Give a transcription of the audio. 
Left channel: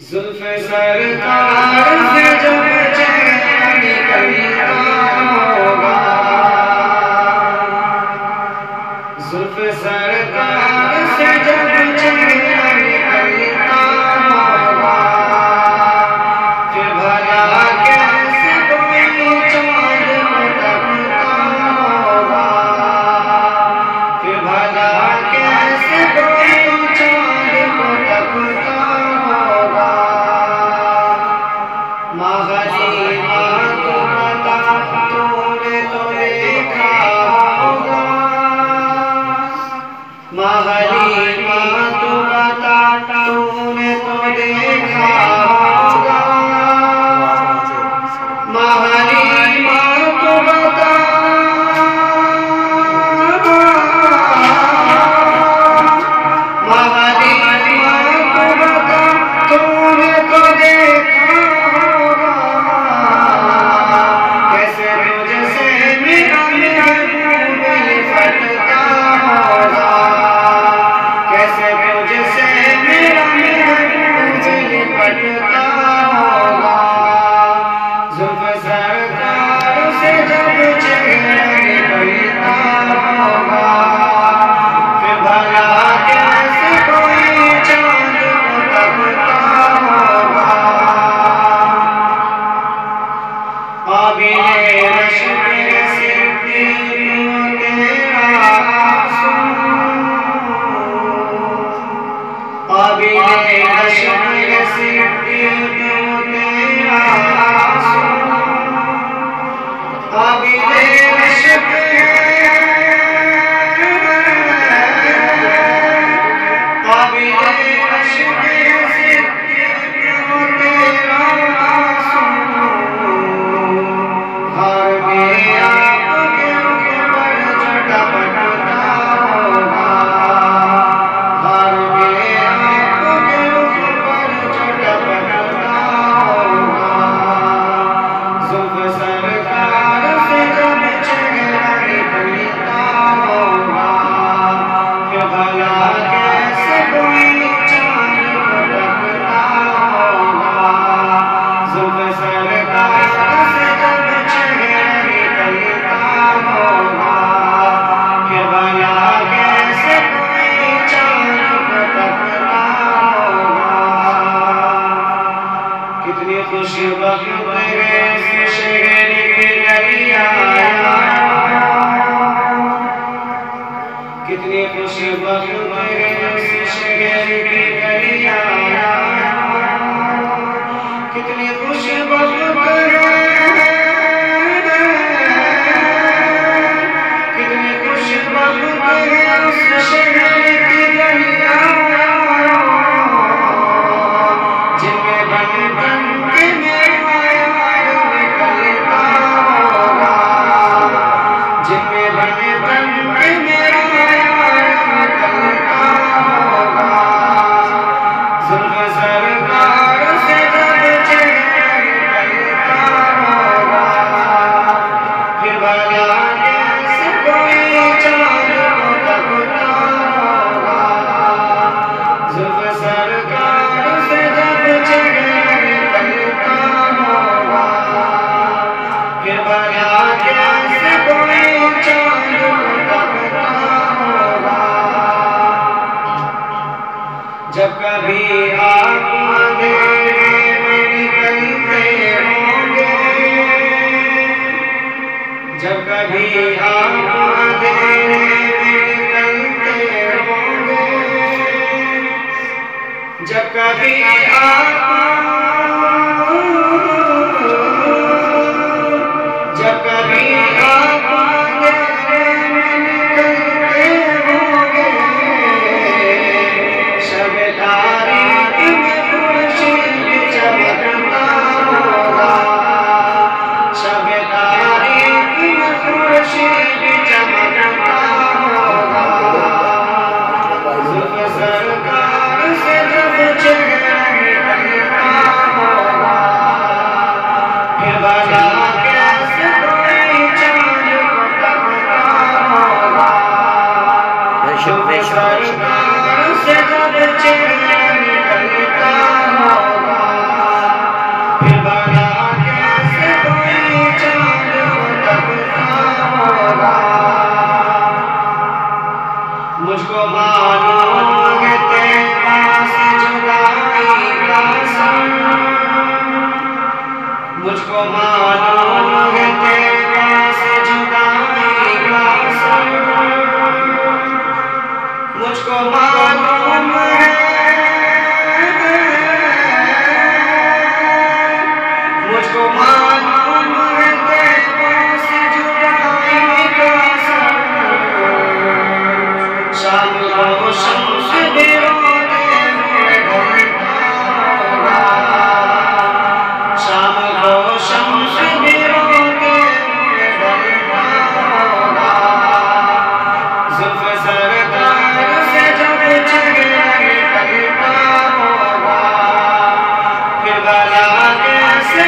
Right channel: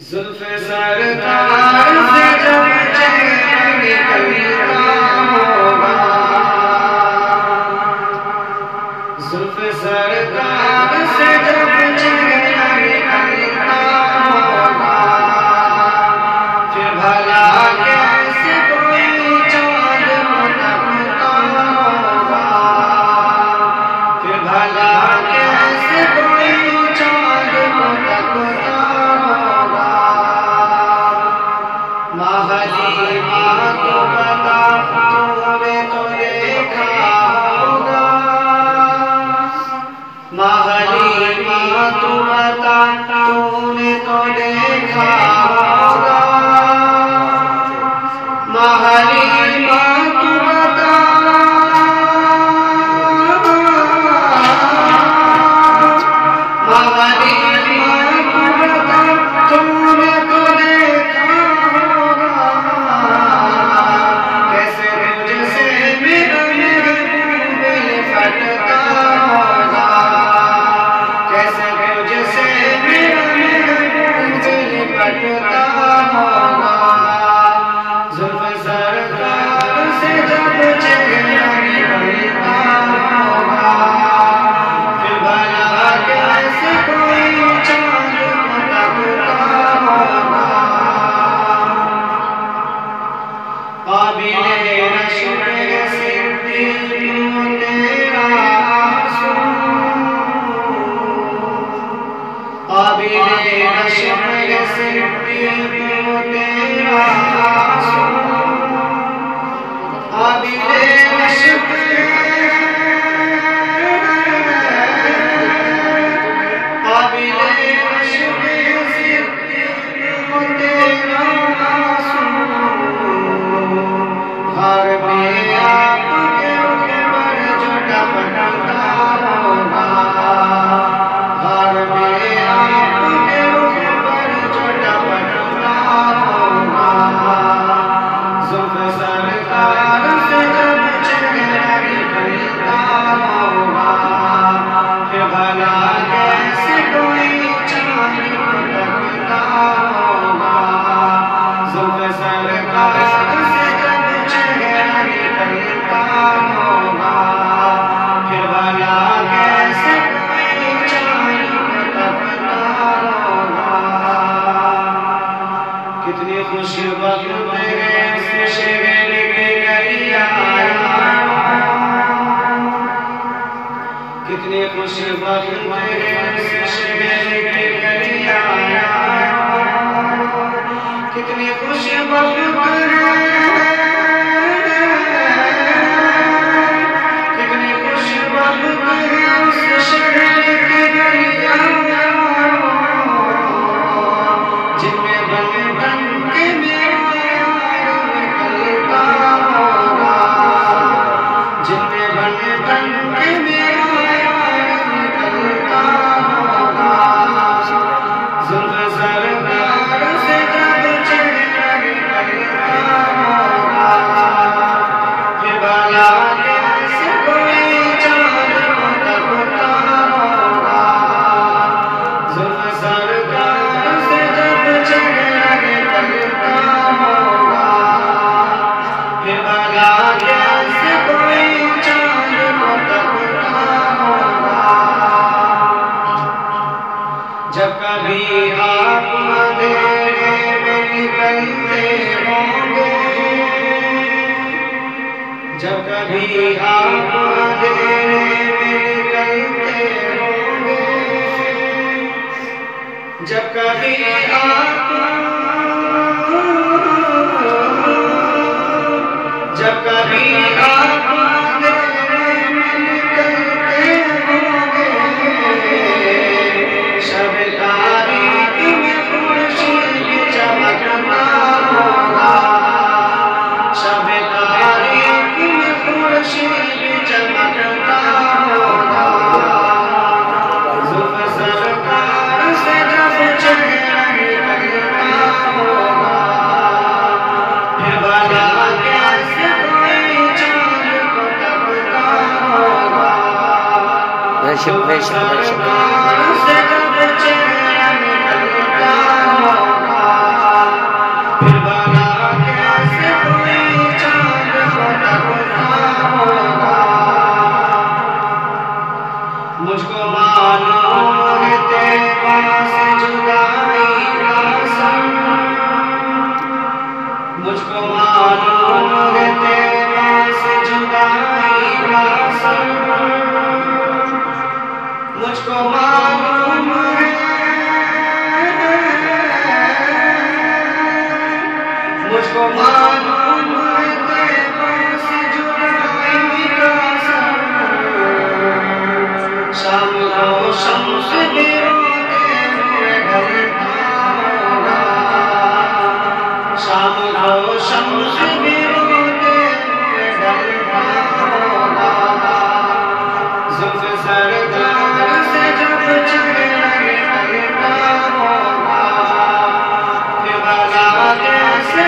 ज़ुल्फ़े सरकार से जब चेहरा निकलता होगा, ज़ुल्फ़े सरकार से जब चेहरा निकलता होगा, फिर भला कैसे कोई चाँद को तकता होगा, फिर भला कैसे कोई चाँद को तकता होगा। हलीमा तो बता, तूने तो देखा होगा, हलीमा तो बता, तूने तो देखा होगा, हलीमा तो बता, हलीमा तो बता, तूने तो देखा पटता होगा। ज़ुल्फ़े सरकार से जब चेहरा निकलता होगा, फिर भला कैसे कोई चाँद को तकता होगा। आबिरे रश्क सिद्दीक़ तेरा आंसू, आबिरे रश्क सिद्दीक़ तेरा आंसू, आबिरे रश्क, आबिरे रश्क सिद्दीक़ तेरा आंसू, हर में आपके रुख पर जो टपकता होगा, हर में आपके रुख पर जो टपकता होगा। ज़ुल्फ़े सरकार से जब चेहरा निकलता होगा, फिर भला कैसे कोई चाँद को तकता होगा। ज़ुल्फ़े सरकार से जब चेहरा निकलता होगा, फिर भला कैसे कोई चाँद को तकता होगा। कितनी खुशबख्त तेरे से शहर के नरिया, कितनी खुशबख्त तेरे से शहर के नरिया, कितनी खुशबख्त है, कितनी खुशबख्त है उस शहर की गलियां, जिनमें बन बन के मेरा यार निकलता होगा, जिनमें बन बन के मेरा यार निकलता होगा। ज़ुल्फ़े सरकार से जब चेहरा निकलता होगा, फिर भला कैसे कोई चाँद को तकता होगा। ज़ुल्फ़े सरकार से जब चेहरा निकलता होगा, फिर भला कैसे कोई चाँद को तकता होगा। जब कभी आप अंधेरे में निकलते होंगे, जब कभी आप अंधेरे में निकलते होंगे, जब कभी आप, जब कभी आप अंधेरे में निकलते होंगे, शब तारीख में खुर्शीद चमकता होगा, शब तारीख में खुर्शीद चमकता होगा। ज़ुल्फ़े सरकार से जब चेहरा निकलता बेशक बेशक सरकार से जब चेहरा निकलता होगा, फिर भला कैसे कोई चांद फटकता होगा। मुझको मालूम है तेरा से जुदाई का सम, मुझको मालूम है तेरा से जुदाई का सम, मुझको मालूम है, मुझको मालूम है तेरा से जुदाई का सम। शाम को शम्स भी रोते हुए ढलता होगा, शाम को शम्स भी रोते हुए ढलता होगा। जुल्फ सरदार से जब चेहरा निकलता होगा, फिर भला कैसे